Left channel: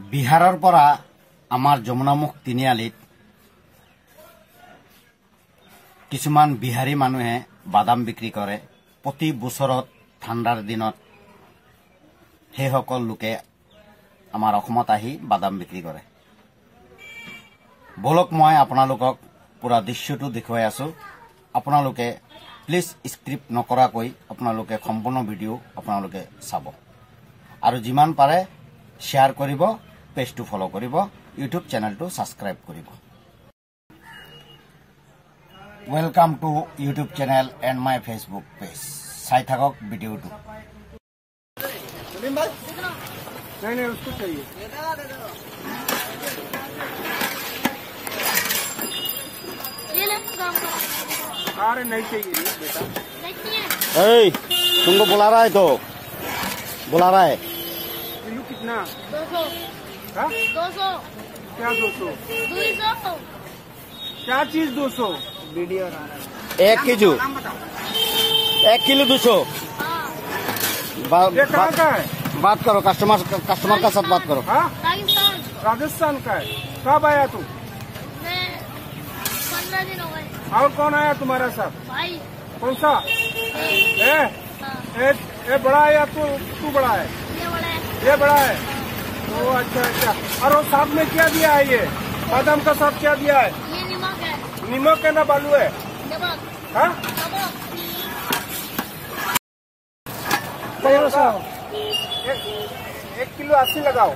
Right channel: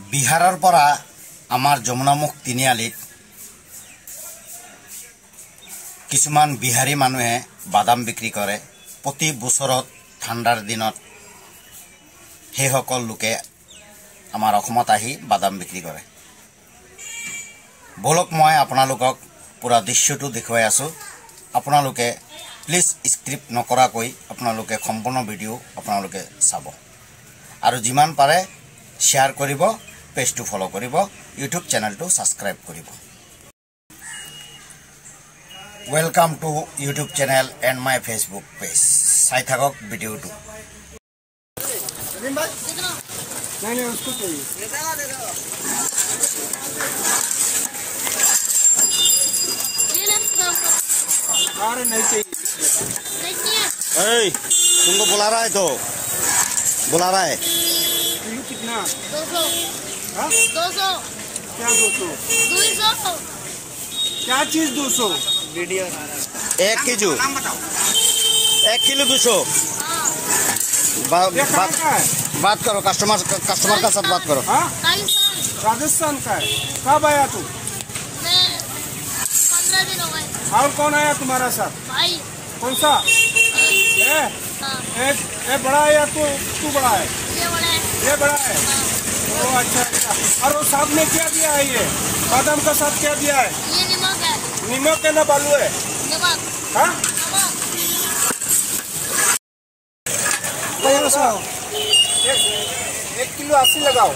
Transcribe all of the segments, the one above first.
बिहारर परा आमार जमुनामुख तिनिआलित किछुमान बिहारी मानुहे बादाम बिक्री करे। प्रति बछरत ठांडार दिनत हे सकल लोके आमार अসমत आहि बादाम बिक्री करे। बोलक मैं आपनालोকক पूरा दृश्यटो देखुवाई आसो। आपनालोके प्लिज स्क्रिप्ट नकराকৈ आपनालोके सम्पूर्ण भिडिओ आपनालोके चाब आरो जिमान पारे शेयर करिब, पेज तो फॉलो करिब, यूट्यूब चैनल तो सब्सक्राइब करिब। Welcome to YouTube channel and my Facebook page. चाइ थाকক भिडिओ तो। नहीं उसको चाहिए। अरे नहीं चाहिए बेटा। ए, तुमको बुला रहा है तो बुला रहा है। किलो कितना? 200। हाँ? 200। क्या 200? 200। क्या चीज 200? Video 1 kilo 200। ये कहाँ का है? बात करो, कस्टमर का साथ बात करो। हाँ? राजस्थान। राजस्थान का है। कब आया तू? मैं 15 दिन हो गए। और कौन आया तुम्हारा साथ? भाई। कौन सा? हाँ। एक बड़ा है या तू बड़ा है? ये बड़ा है। ये बड़ा है। हाँ। ओ अच्छा। और वो साथ में क्या दिया है? ये बादाम का साथ क्या दिया है? ये नमक है। नमक है ना बालू है? नमक। हाँ? नमक। 1 किलो 80 लगाओ।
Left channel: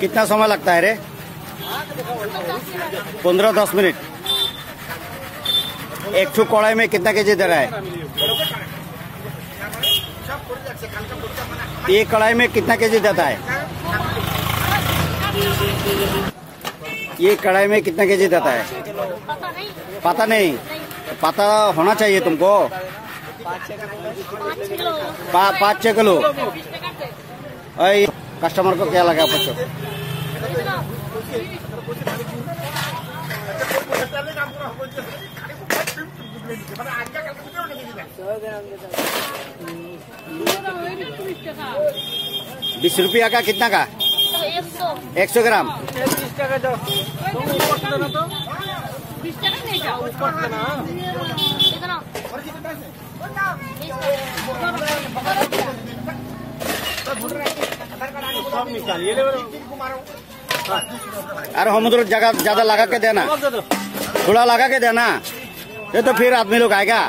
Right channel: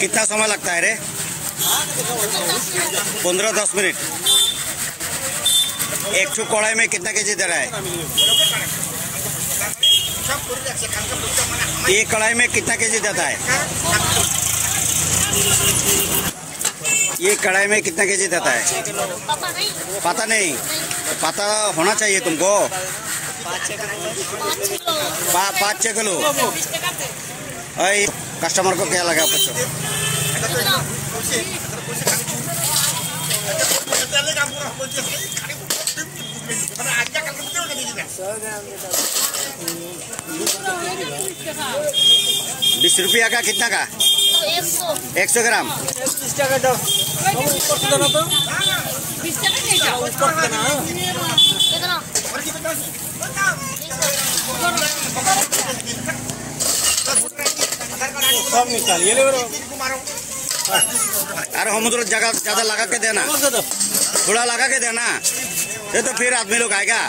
कितना समय लगता है रे? 15-10 मिनट। एक ठो कढ़ाई में कितना केजी दे रहा है? ये कढ़ाई में कितना केजी देता है? ये कढ़ाई में कितना केजी देता है? पता नहीं। पता होना चाहिए तुमको। 5-6 किलो। कस्टमर को क्या लगा पूछो। 20 रुपया का कितना का? 100 ग्राम। अरे हम तो जगह ज्यादा लगा के देना, थोड़ा लगा के देना, ये तो फिर आदमी लोग आएगा।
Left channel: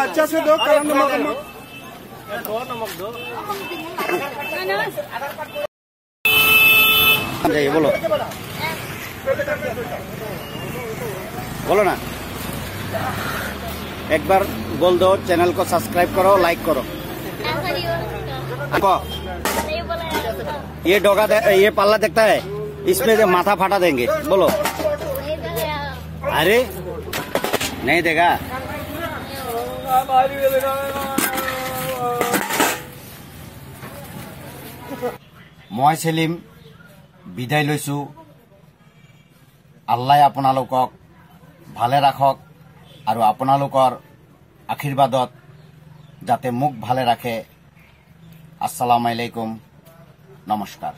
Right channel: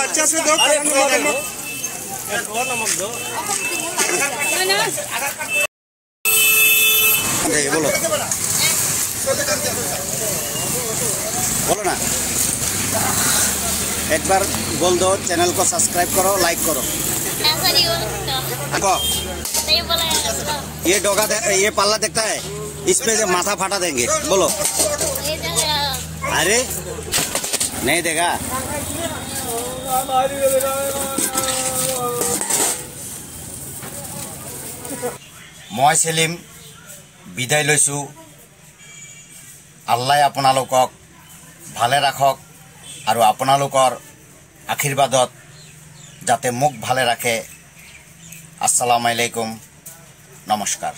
अच्छा से दो। नमक दो। बोलो बोलो ना, एक बार बोल दो। चैनल को सब्सक्राइब करो, लाइक करो। ऐसा नहीं हो सकता। नहीं बोला यार। ये डोगा ये पल्ला देखता है, इसमें से माथा फाटा देंगे। बोलो। नहीं देगा। अरे नहीं देगा। मैं सेलिम विदाय लैसु। आल्लाह आपनालोকক भाले राखक और आपनालोकर आशीर्वादत जाते मुख भाले राखे। अस्सलामु आलैकुम, नमस्कार।